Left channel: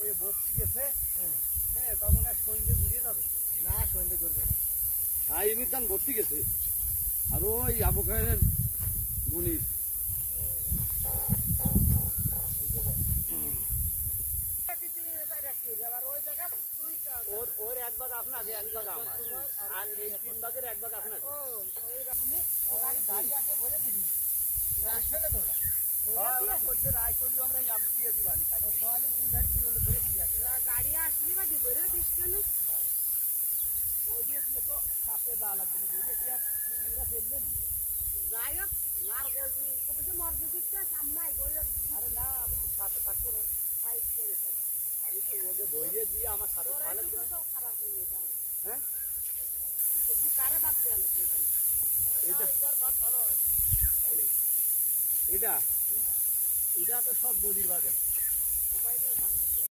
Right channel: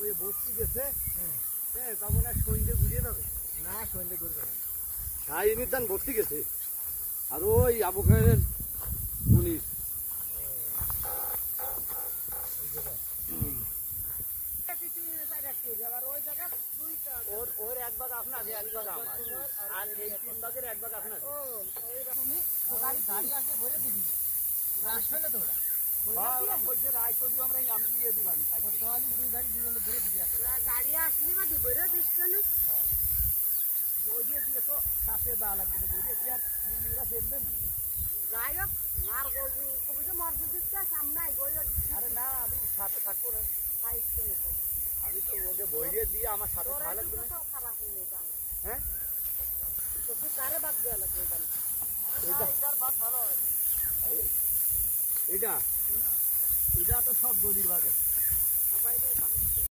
ওই ভর্তি গেছে হ্যাঁ তখন আর সন্ধ্যে বুঝিয়ে যাবে না সন্ধ্যে করবে শাহিনীর দান ভর্তি গেছে আর ওই আবু খায়ের পুলিশ ওর এক ভাগ আপনার এক ভাগ আমার আর এই 3 ভাগের এক ভাগ আপনার গাড়ি আসে ভরে দিবি আসবে না তোরা গাড়ি আসলি বা ভরে দিস কেন বইয়ে দিয়ে তো কাছে দেওয়া লাগবে না বইয়ে দিয়ে আর ফেলবেন যাই হোক মার কবি তো মসজিদটা সামনে আরে না আমি সাথে থাকবো না আমি তো ওকে বইয়ে দিয়ে আমার সাথে ভালো লাগবে না খারাপ হয়ে যাবে হ্যাঁ তো তুই কারে বাদ দেওয়া লাগবে এটার বাদ ভালো হবে এটা এটা তো সব গদির বাদ সবাই